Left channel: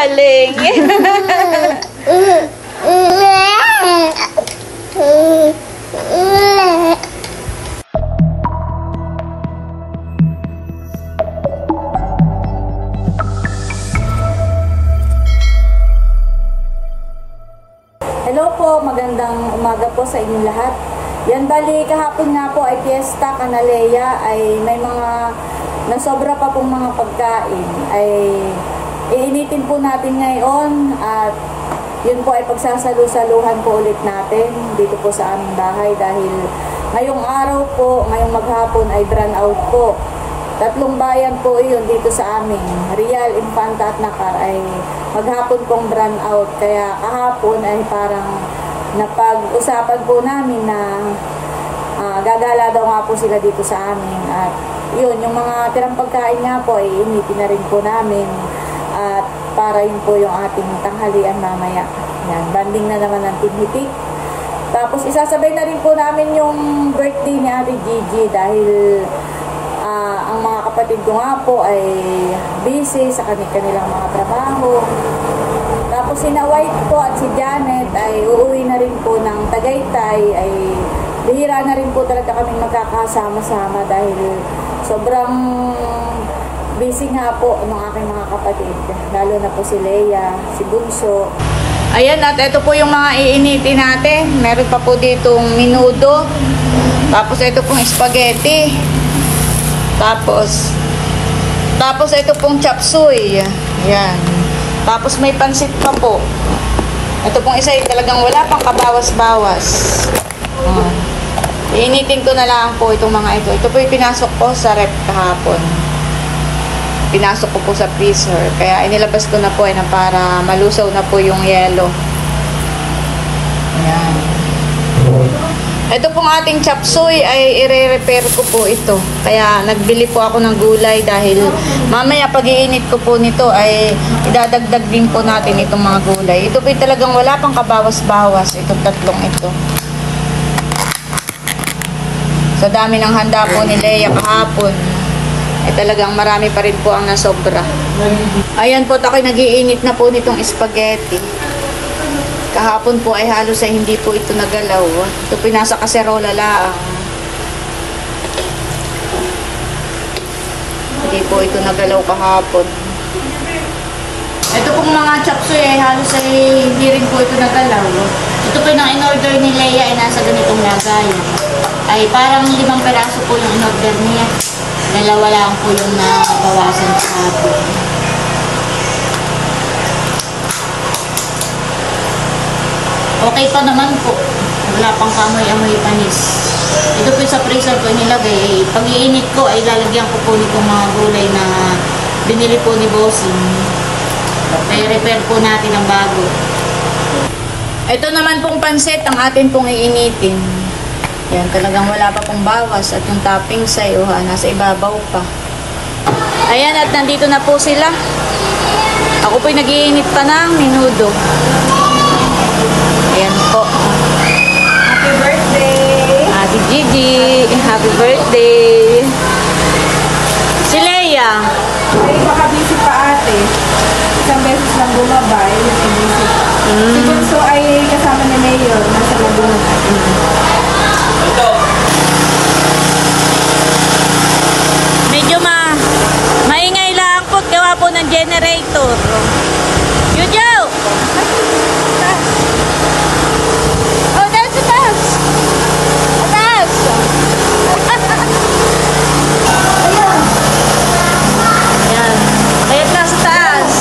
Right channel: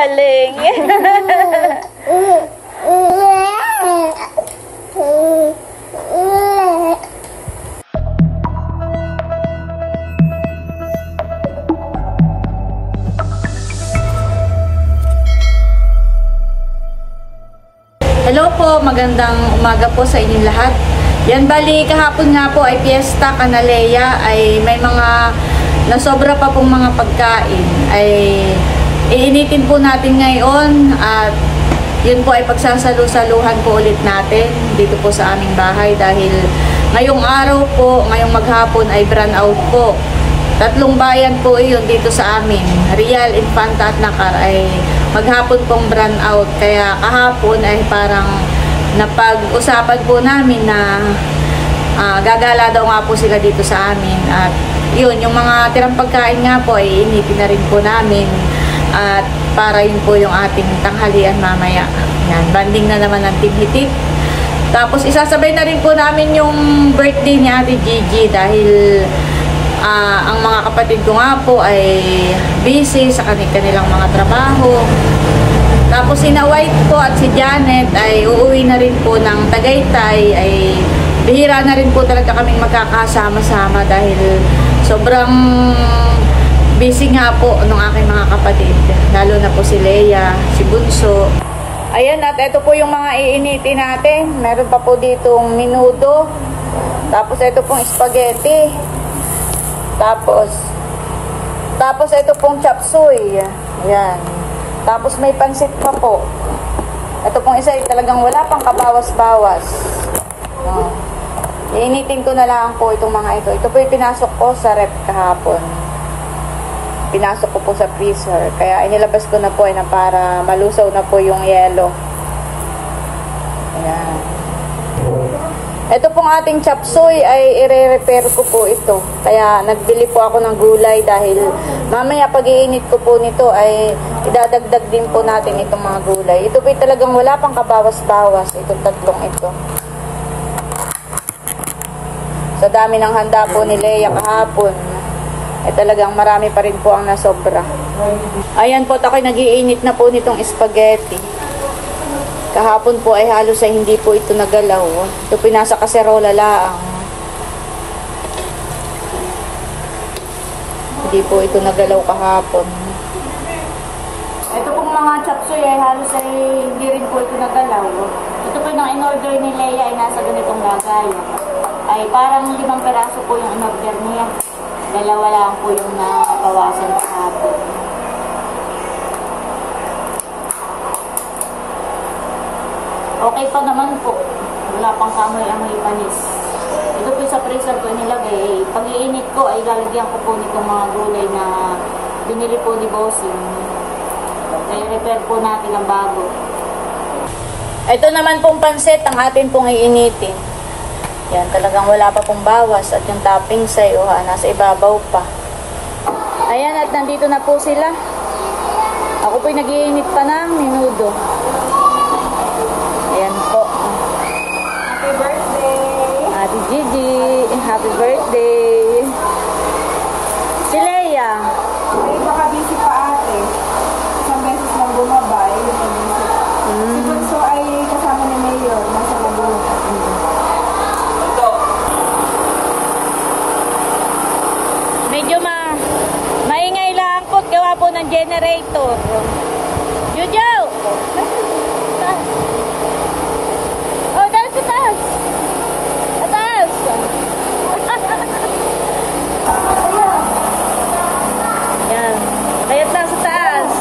galing. Hello po, magandang umaga po sa inyong lahat. Yan, bali kahapon nga po ay Fiesta Canaleya, ay may mga nasobra pa pong mga pagkain ay iinitin po natin ngayon at yun po ay pagsasalu-saluhan po ulit natin dito po sa aming bahay dahil ngayong araw po, ngayong maghapon ay brand out po. 3 bayan po yun dito sa amin, Real, Infanta at Nakar ay maghapon pong brand out. Kaya kahapon ay parang napag-usapan po namin na gagala daw nga po sila dito sa amin. At yun, yung mga tirang pagkain nga po ay initin na rin po namin. At para yun po yung ating tanghalian mamaya. Yan, banding na naman ng Team Hitik. Tapos isasabay na rin po namin yung birthday ni Ate Gigi dahil ang mga kapatid ko nga po ay busy sa kanilang mga trabaho. Tapos si White po at si Janet ay uuwi na rin po ng Tagaytay. Ay bihira na rin po talaga kaming magkakasama-sama dahil sobrang busy nga po ng aking mga kapatid. Lalo na po si Leia, si Bunso. Ayan, at ito po yung mga iinitin natin. Meron pa po ditong menudo. Tapos ito pong spaghetti. Tapos ito pong chop suey. Ayan. Tapos may pansit pa po. Ito pong isa ay talagang wala pang kabawas-bawas. Iinitin ko na lang po itong mga ito. Ito po yung pinasok ko sa rep kahapon. Pinasok ko po sa freezer. Kaya inilabas ko na po na para malusaw na po yung yelo. Ayan. Ito pong ating chop suey ay i-repair ko po ito. Kaya nagbili po ako ng gulay dahil mamaya pag iinit ko po nito ay idadagdag din po natin itong mga gulay. Ito po talagang wala pang kabawas-bawas itong tatlong ito. Sa dami ng handa po ni Leia kahapon ay talagang marami pa rin po ang nasobra. Ayan po, ako'y nag-iinit na po nitong spaghetti. Kahapon po ay halos ay hindi po ito nagalaw. Ito pinasa kaserola lang. Hindi po ito nagalaw kahapon. Ito pong mga chop suey ay halos ay hindi rin po ito nagalaw. Ito po yung in-order ni Leia ay nasa ganitong lagayan. Ay parang 5 peraso po yung in-order niya. Dalawa lang po yung nabawasan kahapon. Okay pa naman po. Wala pang kamoy-amoy panis. Ito po sa freezer ko nilagay. Pag iinit ko ay lalagyan ko po nitong mga gulay na binili po ni Bossing. Kaya repair po natin ang bago. Ito naman pong pansit ang atin pong iinitin. Yan, talagang wala pa pong bawas. At yung toppings ay nasa ibabaw pa. Ayan, at nandito na po sila. Ako po'y nag-iinit pa ng menudo. Ayan po. Happy birthday! Ate Gigi, happy birthday! Si Leia. Ay, baka busy pa ate. Isang beses lang bumabay, yun ay busy pa. Si Bunso ay kasama ni Mayor, nasa Laguna natin. Medyo maingay lang po, gawa po ng generator. Yujo! Oh, that's the taas! Taas! Yan. Kayat na sa taas.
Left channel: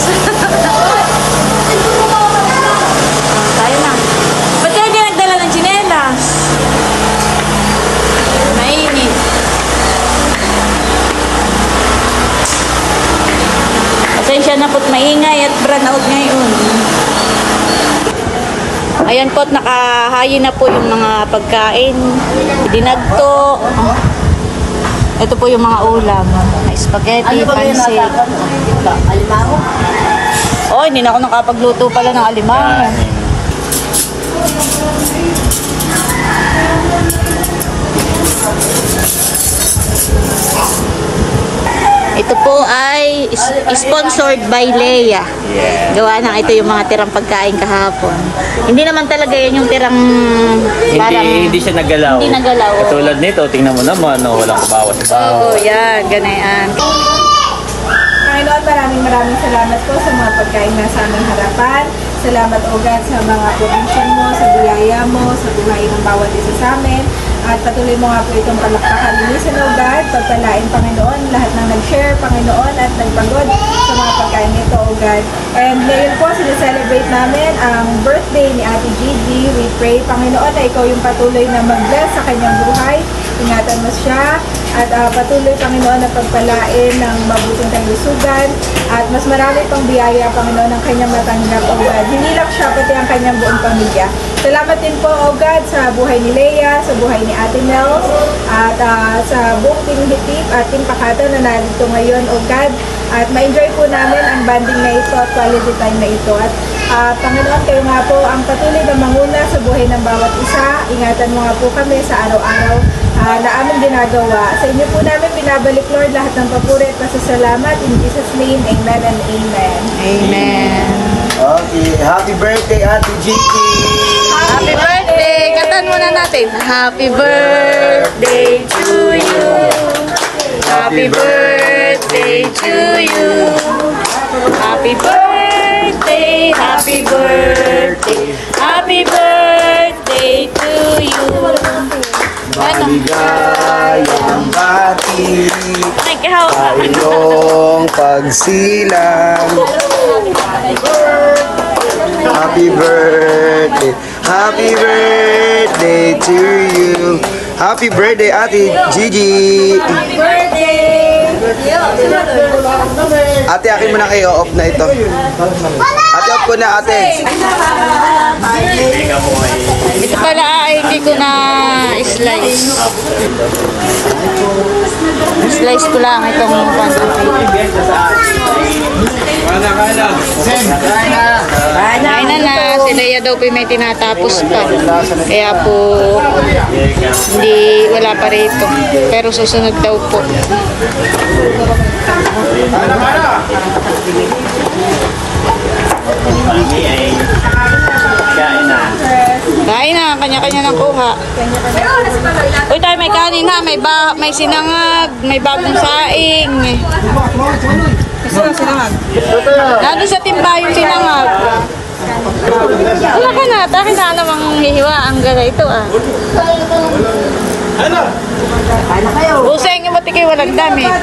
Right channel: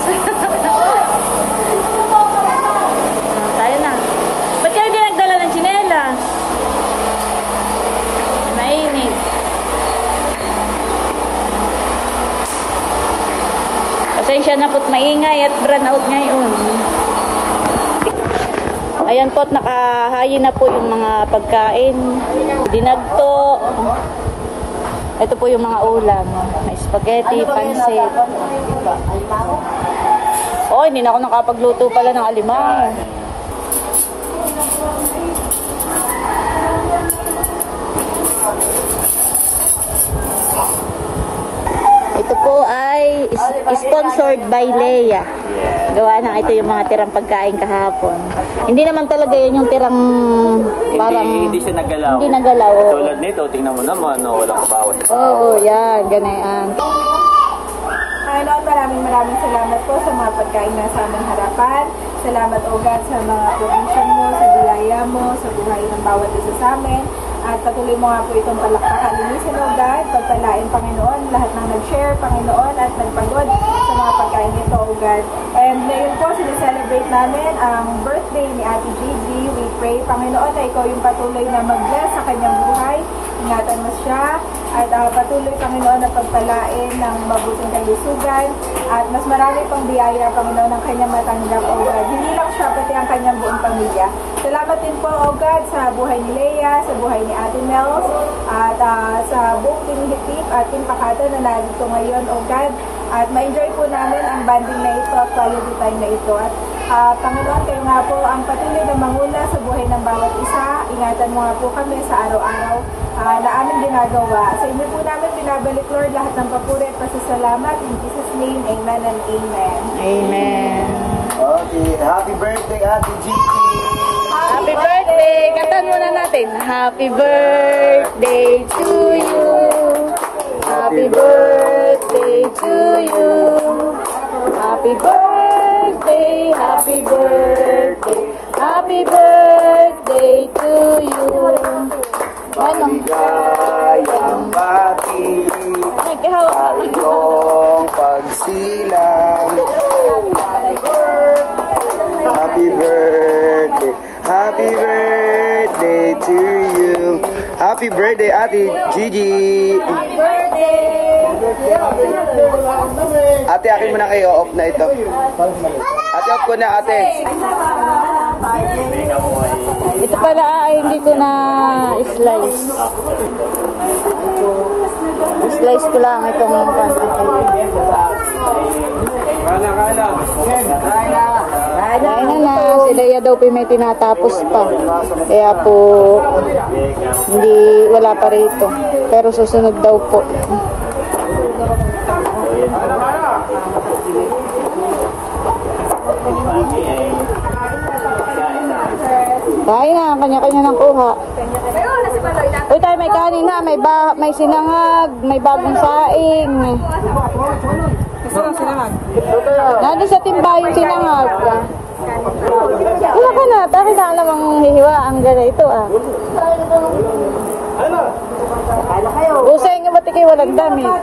Tayo na. Ba't kayo hindi nagdala ng tsinelas? Mainit. Pasensya na po't maingay at brand out ngayon. Ayan po, nakahayin na po yung mga pagkain. Dinagto. Ito po yung mga ulam. Spaghetti, pansit. Alimango? Oh, hindi na ako nakapagluto pala ng alimango. Ito po ay sponsored by Leia. Gawa ng ito yung mga tirang pagkain kahapon. Hindi naman talaga yan yung tirang parang... Hindi siya nagalaw. Hindi nagalaw. Oo. Katulad nito, tingnan mo naman, no, walang bawas. Oo, yan. Ganayan. Panginoon, maraming salamat po sa mga pagkain na sa aming harapan. Salamat o God sa mga provision mo, sa biyaya mo, sa buhay ng bawat isa sa amin. At patuloy mo nga po itong palakpakan. Linisin o God, pagpalain Panginoon, lahat ng nag-share Panginoon at nagpagod sa mga pagkain nito o God. And ngayon po, sineselebrate namin ang birthday ni Ate Gigi. We pray Panginoon na ikaw yung patuloy na mag-bless sa kanyang buhay. Ingatan mo siya at patuloy Panginoon na pagpalain ng mabuting kalusugan at mas marami pang biyaya Panginoon ang kanyang matanggap o God. Hindi lang siya pati ang kanyang buong pamilya. Salamat din po o God sa buhay ni Leia, sa buhay ni Ate Nels at sa buong Team Hitip at Team Pakata na narito ngayon o God. At ma-enjoy po namin ang banding na ito at quality time na ito. At Panginoon, kayo nga po ang patuloy na manguna sa buhay ng bawat isa. Ingatan mo nga po kami sa araw-araw na aming ginagawa. Sa inyo po namin binabalik, Lord, lahat ng papuri at pasasalamat. In Jesus' name, amen and amen. Amen. Okay, happy birthday, Ate Gigi! Happy birthday! Kantahan muna natin. Happy birthday to you. Happy birthday to you. Happy birthday, happy birthday, happy birthday to you. Ano? Ligayang bati Ay, kahawak ka. sa iyong pagsilang. Happy birthday to you. Happy birthday, Ate Gigi. Ate, akin mo na kayo. Off na ito. Ate, off ko na, ate. Ito pala ay hindi ko na slice. Slice ko lang itong pancake. Kain na. Si Leia daw po may tinatapos pa. Kaya po wala pa rito. Pero susunod daw po. Kain na, kanya-kanya ng kuha. Uy, tayo may kanin na, may sinangag, may bagong saing. Nandun sa timba yung sinangag. Wala ka na, takin na namang hihiwa ang gala ito ah. Buseng yung mati kayo walang damit.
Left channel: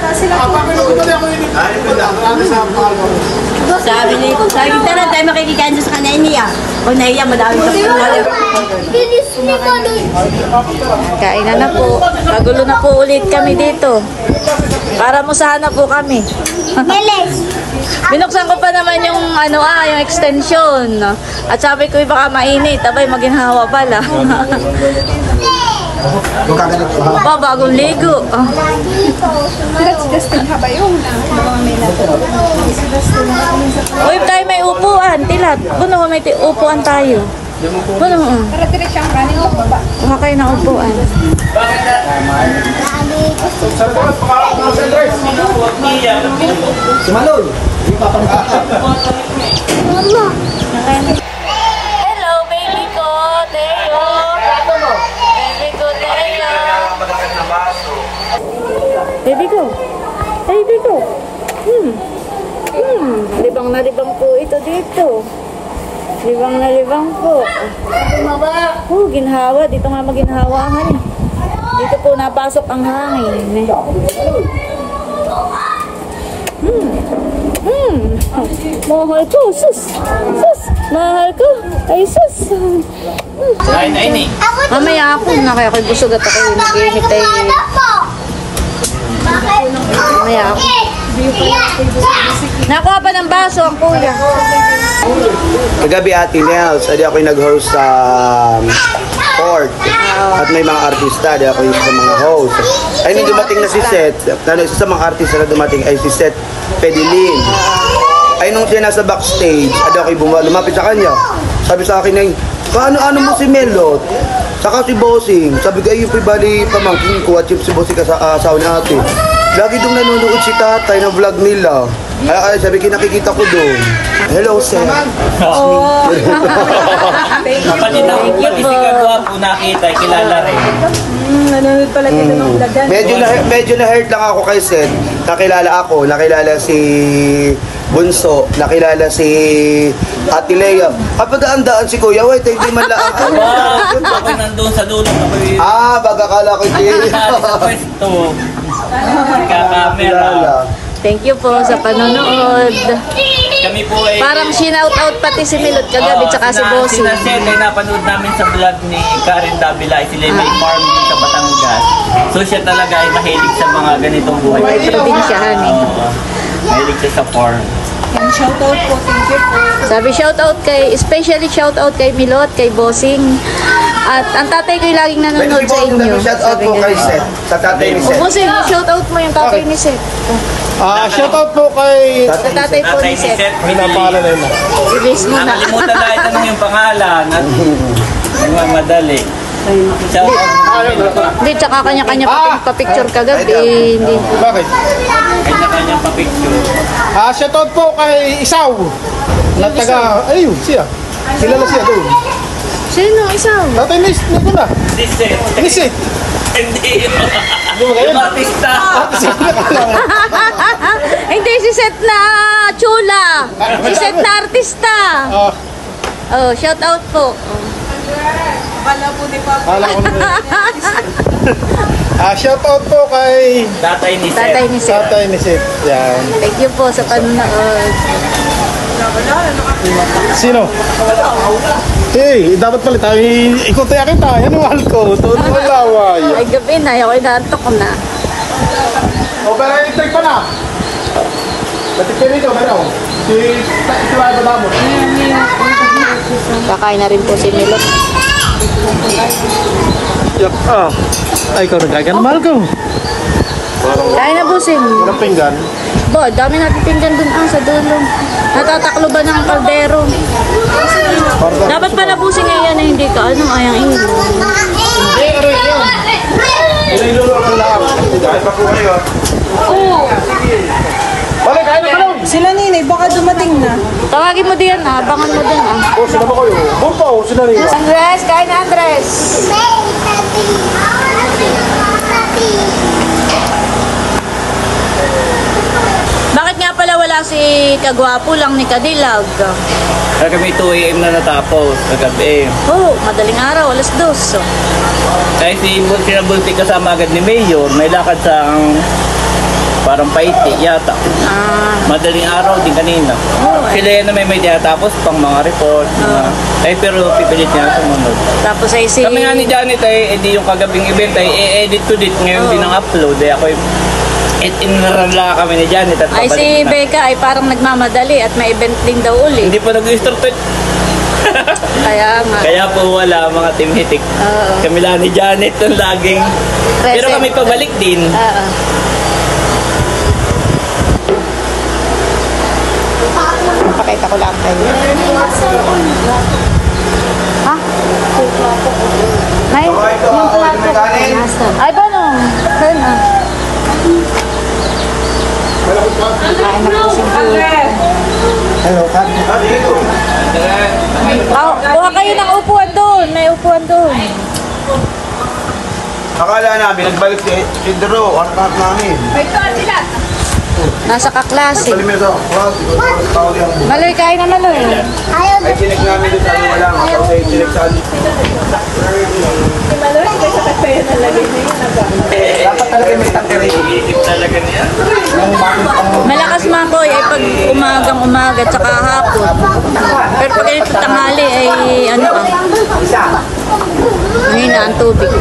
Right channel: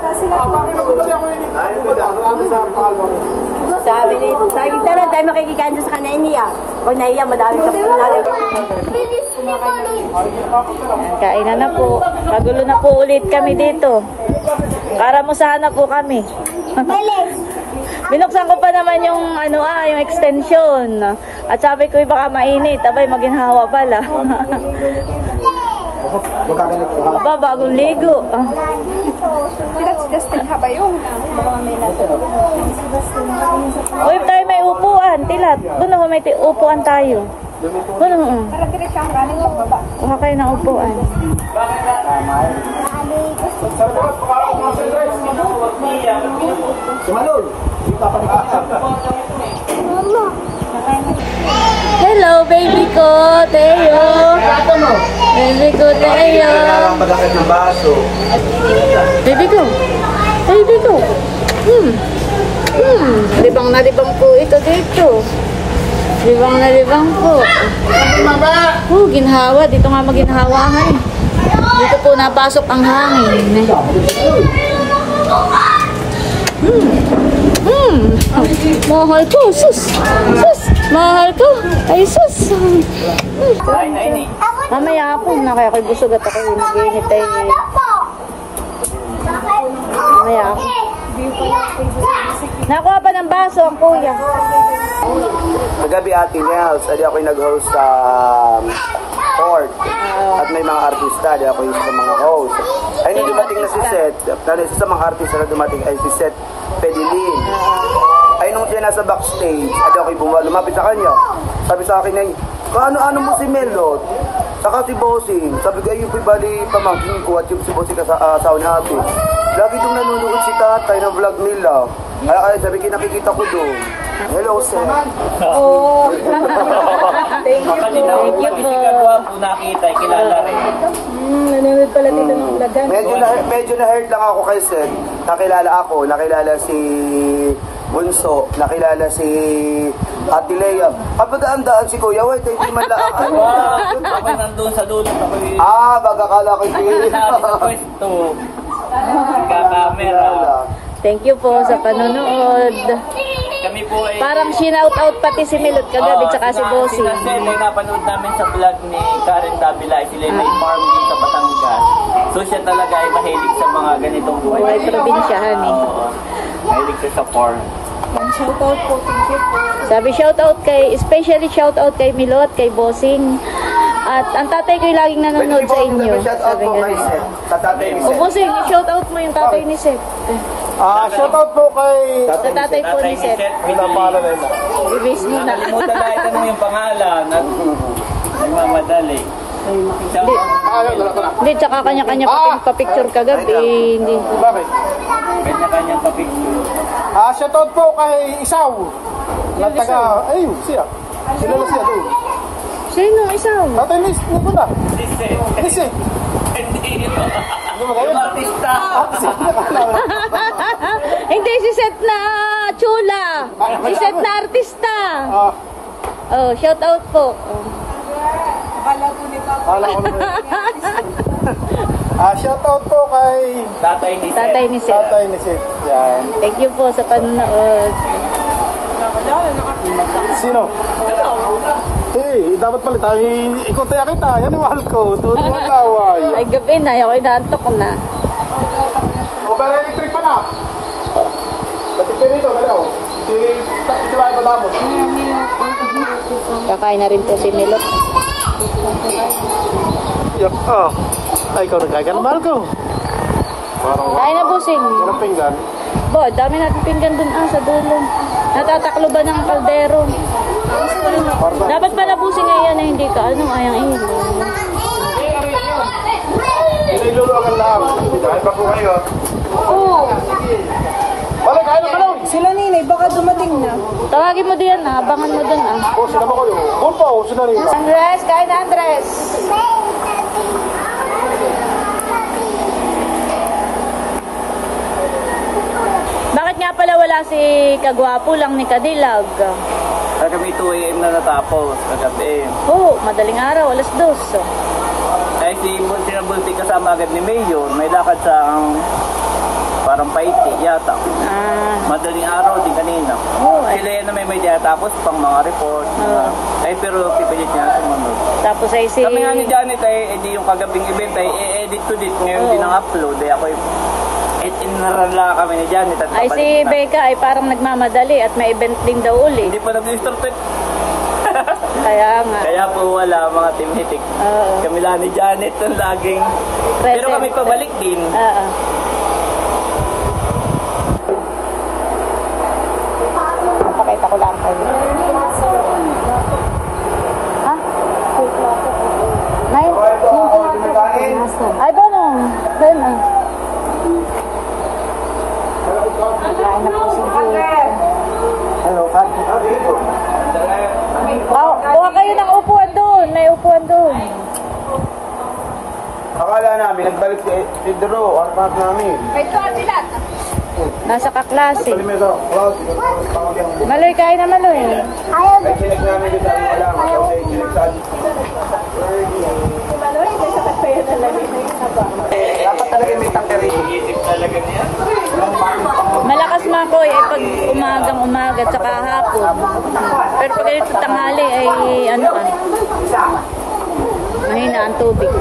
Sabi kita na tayo makikikain sa kanay niya. O naiya, madami sa puwal. Kain na po. Kagulo na po ulit kami dito. Para musahan na po kami. Binuksan ko pa naman yung yung extension. At sabi ko baka mainit, abay maginhawa pala. Aba, bagong ligo. Uy, tayo may upuan, tilat. Buno, may upuan tayo. Buno, Dire-diretsang kanin o baba. kuha kayo ng upuan. Hello, baby ko, Teo. Baby ko, Teo. Baby ko. Baby ko. Libang na libang po ito dito. Libang na libang po. Ginhawa. Dito nga maginhawahan eh. Dito po napasok ang hangin. Mahal ko. Sus. Sus. Mahal ko. Ay, sus. Mamaya ako na kaya ako'y busog at ako'y nag-iinit ay mamaya ako. Nakuha pa ng baso ang kuya. Kagabi, Ate Nels, ako'y nag-host sa court. At may mga artista, ako'y isa sa mga host. Ay, nung dumating na si Seth, isa sa mga artista na dumating ay si Seth Pedilin. Ay, nung siya nasa backstage, ako'y lumapit sa kanya. Sabi sa akin ay, paano mo si Melot? Saka si Bossing. Sabi ko, ayun po'y bali pamangkin ko at si Bossing sa asawa natin. Lagi doon nanonood si tatay ng vlog nila. Kaya sabi nakikita ko doon. Hello, sir. Oh. Kapatid na po, pati si Kagwapo nakita, kilala rin. Nanonood pala kita ng vlogan. Medyo na-hurt lang ako kay Seth. Nakilala si Bunso, nakilala si Ate Lea. Kapag daan si Kuya, wait, hindi man lang ako. Ako nandun sa dulo, ako yung Baga kala ko din. sa pwesto. Kakamera. Thank you po sa panonood. Kami po ay... Parang shinout-out pati si Milot kagabi tsaka si Bossy. Sinaset ay napanood namin sa vlog ni Karen Davila, sila may farm din sa Batangas. So siya talaga ay mahilig sa mga ganitong buhay. Buhay probinsyahan eh. Oo. Mahilig siya sa farm. And shoutout po, thank you po. Sabi especially shoutout kay Milot, kay Bossing. At ang tatay ko yung laging nanonood sa inyo. Shout out Sabi po kay nga. Seth. Sa tatay ni O Seth. Bossing, shoutout mo yung tatay ni Seth. Shoutout po kay... Sa tatay po Tatay ni ni Seth. Seth, Pinapahala na yun. Release mo na. nakalimutan dahil tanong yung pangalan at nagmamadali. Shout out Hindi, tsaka kanya-kanya pa-picture kagabi. Hindi. Bakit? kanya-kanyang papicture. Shoutout po kay Isaw. Na taga... Ayun, siya. Kilala siya doon. Sino? Isaw? Tatay ni ko na. Si Seth. Ni Seth. Hindi. Hindi mo kayo. Yung artista. Hindi, si Seth na chula. Si Seth na artista. Oh, shout out po. Oh. Kala po ni Papa. Alam ko na. Shoutout po kay... Tatay ni Seth. Tatay ni Seth. Tatay ni Seth. Yan. Thank you po sa panonood. Sino? Hey, dapat pala tayo ikot tayo kita. Yan ang mahal ko. Tuon ang laway. Ay, gabi na. Ako inaantok ko na. O, pero itag pa na. Batik dito, pero. Si Lado na mo. Kakain na rin po si Milot. Ay, ikaw nagkagan. Mahal ko. Kain na busing. Walang pinggan. Bo, dami natin pinggan dun sa dulo. Natataklo ba ng kaldero? Dapat pala busing yan na hindi ka. Ano, ayang ilo. Balik, kain na kanon. Sila ninay, baka dumating na. Tawagin mo diyan abangan mo dun O, sila mo kayo. Bumpo, sila rin. Andres, kain na Andres. Bakit nga pala wala si Kagwapo lang ni Kadilag? Kagabi 2 AM na natapos. Kagabi. Oo, madaling araw, 2:00. Kahit si Bulti kasama agad ni Mayor, may lakad sa parang paiti yata. Madaling araw din kanina. Ay. Sila yan na may tapos pang mga report. Pero pipilit niya sumunod. Tapos ay si... Kami nga ni Janet ay edi yung kagabing event ay edit to dit ngayon din ang upload. Ako inarala kami ni Janet at Ay si pabalik na. Becca ay parang nagmamadali at may event din daw uli. Hindi pa nag-start. Kaya nga. Kaya po wala mga team hitik. Oo. Kami lang ni Janet yung laging. Pero kami pabalik din. Oo. Pakita ko lang kayo. Ha? May? Yung plato. Ay ba no? Saan ah? Kain na po si Jude. Kuha kayo ng upuan doon. May upuan doon. Akala namin, nagbalik si Drew, harap namin. Nasa kaklase. Salimir daw, tawag yung buhay. Maloy, kain na Maloy. Ay, chinek namin doon sa ano wala, kasi chinek sa ano. Si Maloy, kaysa kayo nalagay na yun. Dapat talaga may tateri. Iisip talaga niya. Malakas makoy ay pag umagang umaga tsaka hapon. Pero pag ganito tanghali ay ano ah. Mahina ang tubig.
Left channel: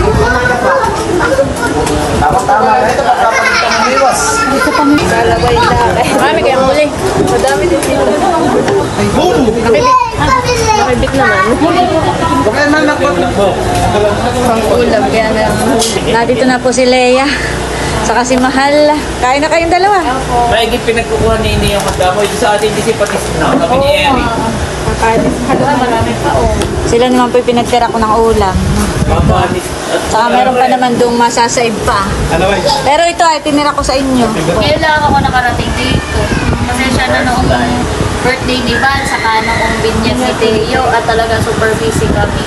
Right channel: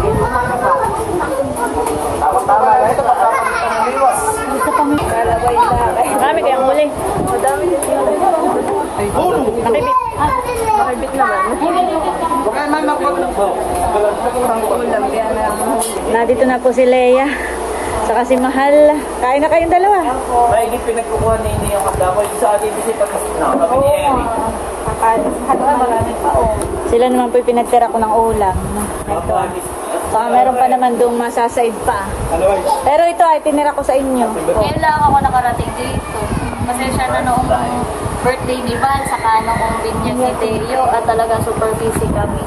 Marami kayang huli. Madami din sila. Nakibit naman. Pang-ulam kaya na. Nandito na po si Leia. Saka si Mahal. Kain na kayong dalawa. Maigit pinagkukuha ni Ini yung magdamoy. Sa atin di si Patis na. Kami ni Eri. Sila naman po yung pinagtira ko ng ulam. Mapanis. Saka meron pa naman doong masasaib pa. Ano ba? Pero ito ay tinira ko sa inyo. Kaya lang ako nakarating dito. Pasensya na noong birthday ni Val, saka noong binyag ni Teo, at talaga super busy kami.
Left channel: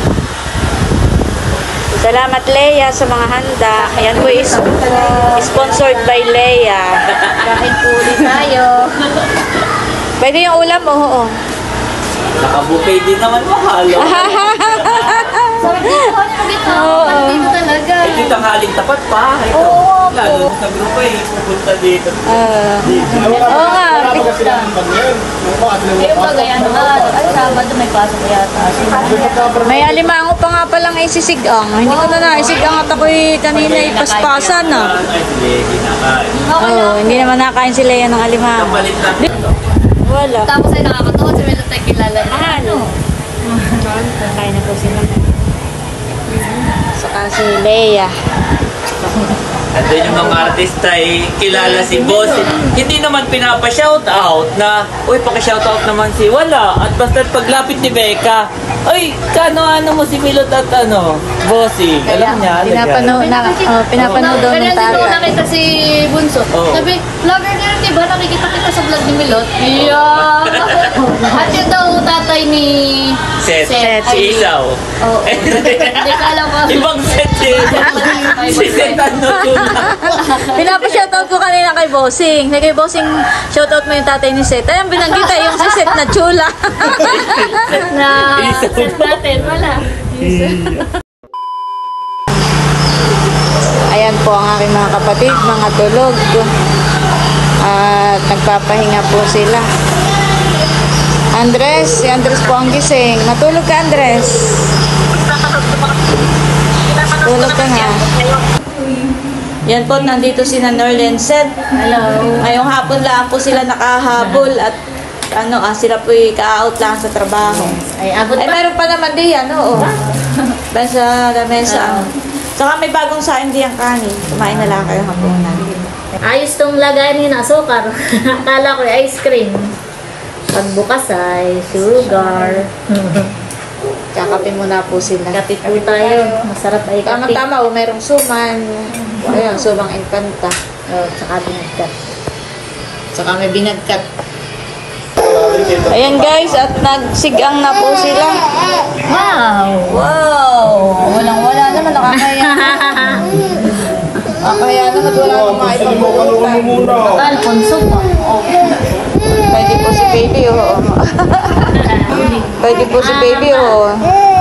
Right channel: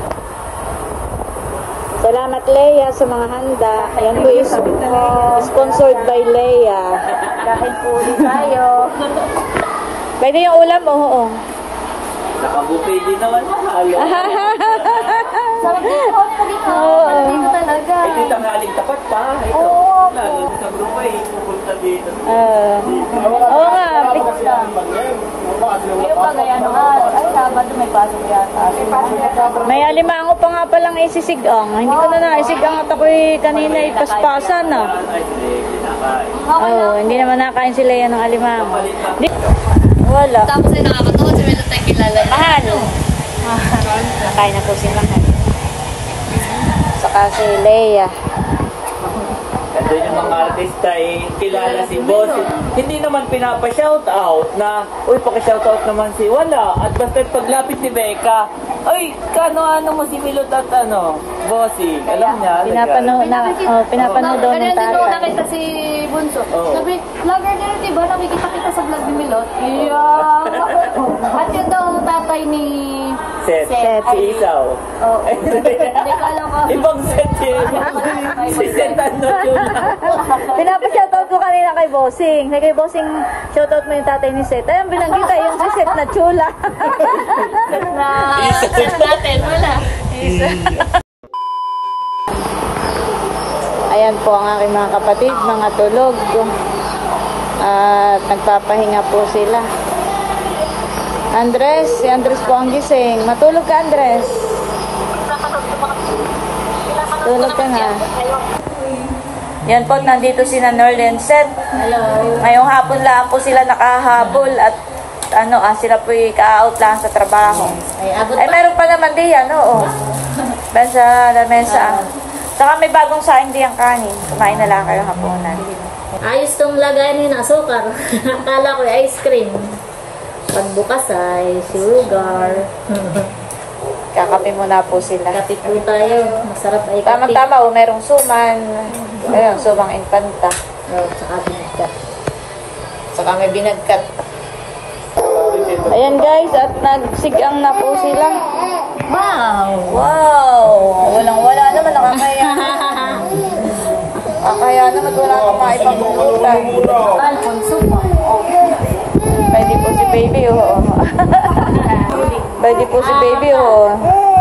Salamat Leia sa mga handa. Ayan po is sponsored by Leia. Kahit po ulit tayo. Pwede yung ulam? Oo. Naka-buffet din naman mahalo. Sarap dito kami dito. Oo. Dito talaga. Ito yung tanghaling tapat pa. Ito. Oo, Lalo na sa grupo eh. Pupunta dito. Oo nga. Pero pag ano ba, Sabado may pasok yata. May alimango pa nga palang isisigang. Hindi ko na naisigang at ako'y kanina ipaspasan na. Ay, hindi. Kinakain. Oo, hindi naman nakain si Leia ng alimango. Kapalit na. Wala. Tapos ay nakakatawa si Melo tayo kilala niya. Ano? Nakain na po sila. Saka si Leia. Andun yung mga artista eh, kilala si Boss. Hindi naman pinapa-shoutout na, uy, paki-shoutout naman si Wala. At basta paglapit ni Becca, uy, kano-ano mo si Milot at Bossy. Alam niya, Pinapanood daw ng Kaya din ako tatay. nakita si Bunso. Oo. Sabi, vlogger na rin, diba? Nakikita kita sa vlog ni Milot. Yeah. At yun daw tatay ni Set. Set. Si Isaw. Oo. Hindi ka alam ko. Ibang set si Set ano yun. Pinapa-shoutout ko kanina kay Bossing. Kay Bossing, shoutout mo yung tatay ni Seth. Ayun, binanggit yung si Seth na chula. Na set natin. Wala. Ayan po ang aking mga kapatid, mga tulog. At nagpapahinga po sila. Andres, si Andres po ang gising. Matulog ka, Andres. Tulog ka nga. Yan po, nandito si Norlin Seth. Hello. Ngayong hapon lang po sila nakahabol at sila po ka-out lang sa trabaho. Ay, abot Ay, pa. meron pa naman diyan, oo. Sa lamesa. Saka may bagong saing diyang kanin. Kumain na lang kayo hapunan. Ayos tong lagayan ni na asukar. Akala ko ice cream. Pagbukas ay sugar. Kakape muna po sila. Kape po tayo. Masarap ay kape. Tama-tama, merong suman. Ayun, sumang infanta. Oh, tsaka binagkat. Saka may binagkat. Ayan guys, at nagsigang na po sila. Wow! Wow! Walang-wala naman, nakakaya. Nakakaya naman, wala akong maipagpupuntan. Alfonso pa. Pwede po si baby, oh. Pwede po si baby, oh.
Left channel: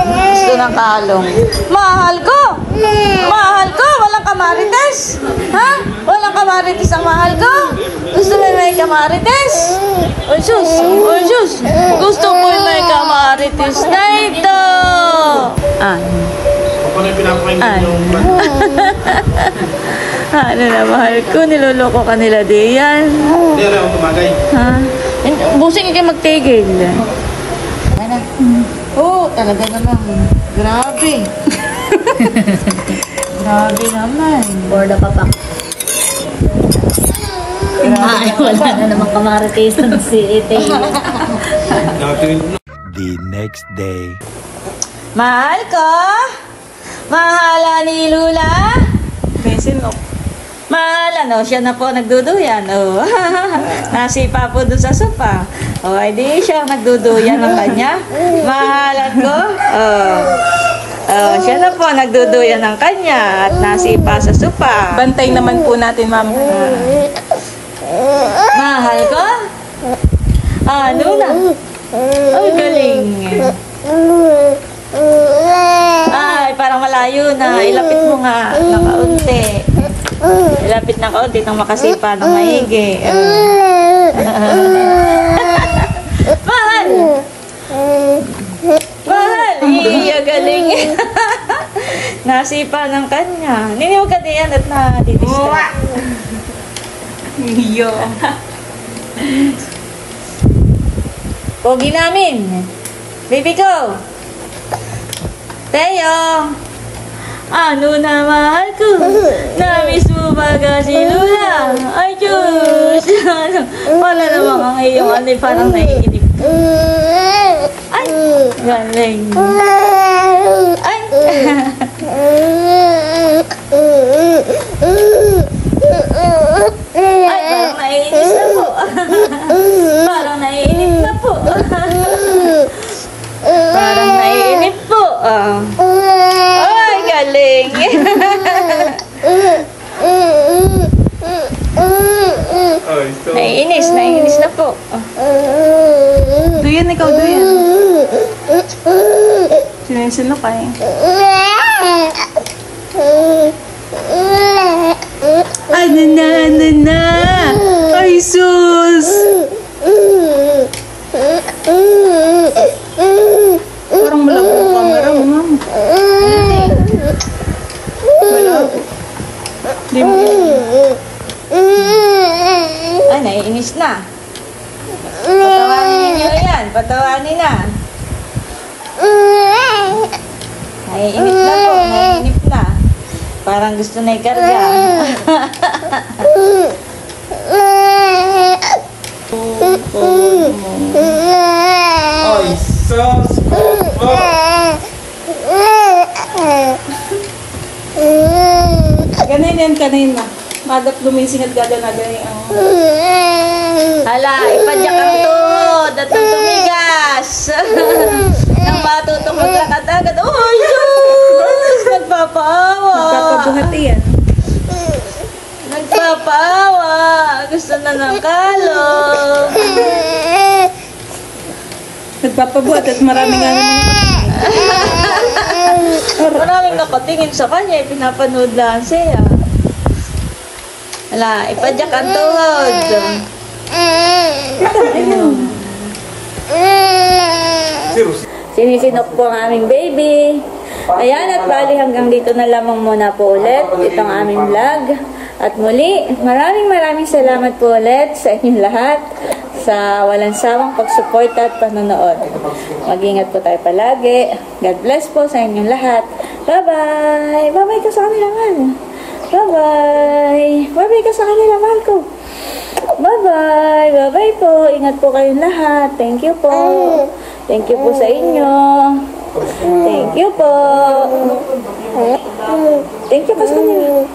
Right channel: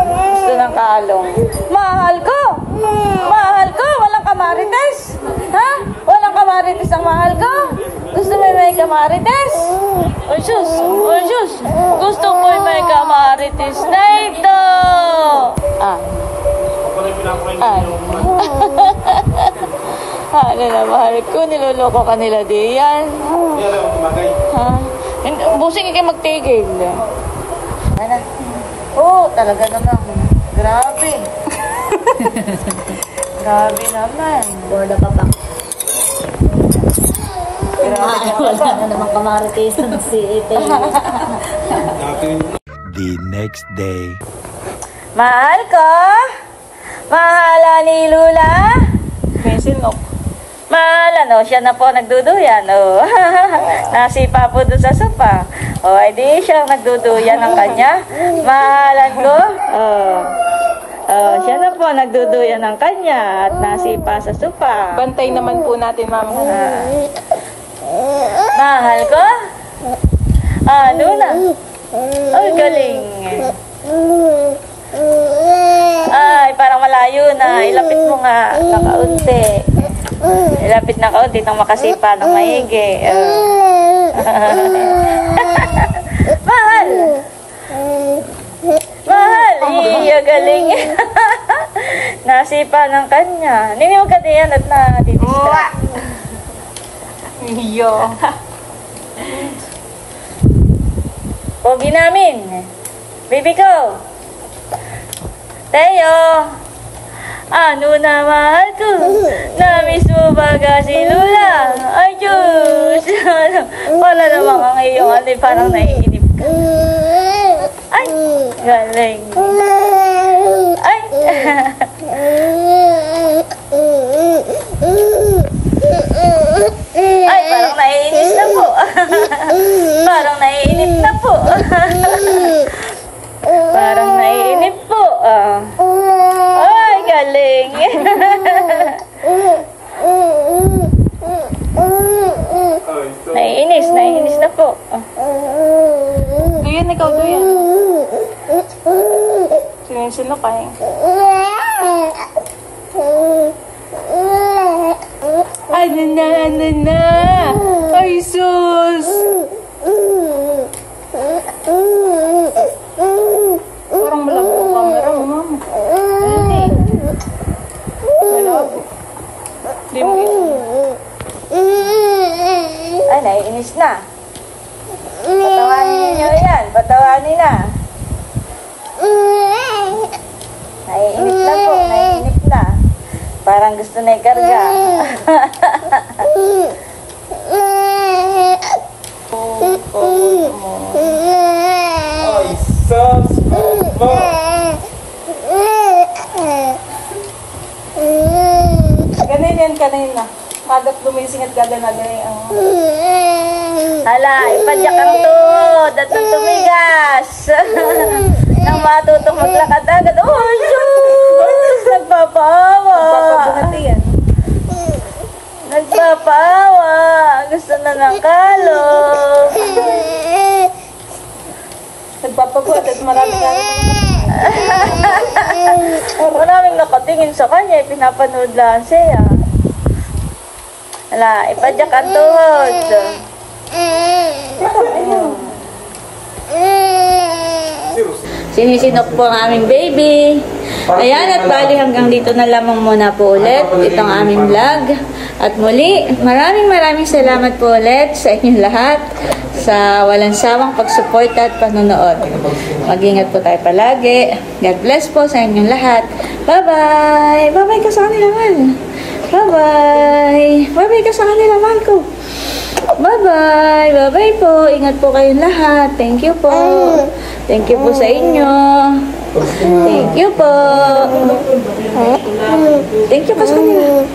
Gusto ng kalong. Mahal ko! Mahal ko! Walang kamarites! Ha? Walang kamarites ang mahal ko? Gusto na may kamarites? Oh, sus! Oh, sus! Gusto ko may kamarites na ito! Ako na pinapakinggan yung... Ano na, mahal ko? Niloloko ka nila diyan. Hindi, ako tumagay. Ha? Busing kayo magtigil. Oo, talaga naman. Grabe. Grabe naman. Borda pa pa. Grabe Wala na naman kamaritisan si Ite. The next day. Mahal ko? Mahala ni Lula? Sino? Mahal, siya na po nagduduyan. Oh. Nasipa po dun sa sopa. O, ay di siya nagduduyan ng kanya. Mahalan ko. Siya na po nagduduyan ng kanya at nasipa sa sopa. Bantay naman po natin, ma'am. Mahal ko? Ano na? Ay, galing. Ay, parang malayo na. Ilapit mo nga na kaunti. Ilapit na kaunti nang makasipa ng maigi. Mahal! Mahal! Iya, galing. Nasipa ng kanya. Niniwag ka diyan at na-distract. Iyo. Pogi namin. Baby ko. Teo. Ano na mahal ko? Namiss mo ba si Lula? Ay, Diyos. Wala namang ang iyong ano, parang naiinip ka. Ay, galing. Ay. yan, ikaw doon. Sinisunok ka eh. Ano na? Ay, sus! Parang malaki ang camera mo, mama. Di mo. Ay, naiinis na. Patawanin ninyo yan. Patawanin na. Naiinip na po. Naiinip na. Parang gusto na ikarga. Ay, sus! Ganun yan kanina. Madap lumising at gada na ganyan. Hala, ipadyak ang tuhod at ang tumigas. Nang matutong maglakad agad. Oh, sus! Nagpapaawa. Nagpapabuhati yan. Nagpapaawa. Gusto na ng kalong. Nagpapabuhat at maraming Maraming nakatingin sa kanya. Pinapanood lang siya. Hala, ipadyak ang tuhod. Sinisinok po ang aming baby. Ayan, at bali hanggang dito na lamang muna po ulit itong aming vlog. At muli, maraming salamat po ulit sa inyong lahat sa walang sawang pagsuporta at panonood. Mag-ingat po tayo palagi. God bless po sa inyong lahat. Bye-bye! Bye-bye ka sa kanila, Mal. Bye-bye! Bye-bye ka sa kanila, Mal ko. Bye-bye! Bye-bye po! Ingat po kayong lahat. Thank you po. Thank you po sa inyo. Thank you po. Thank you ka sa kanila.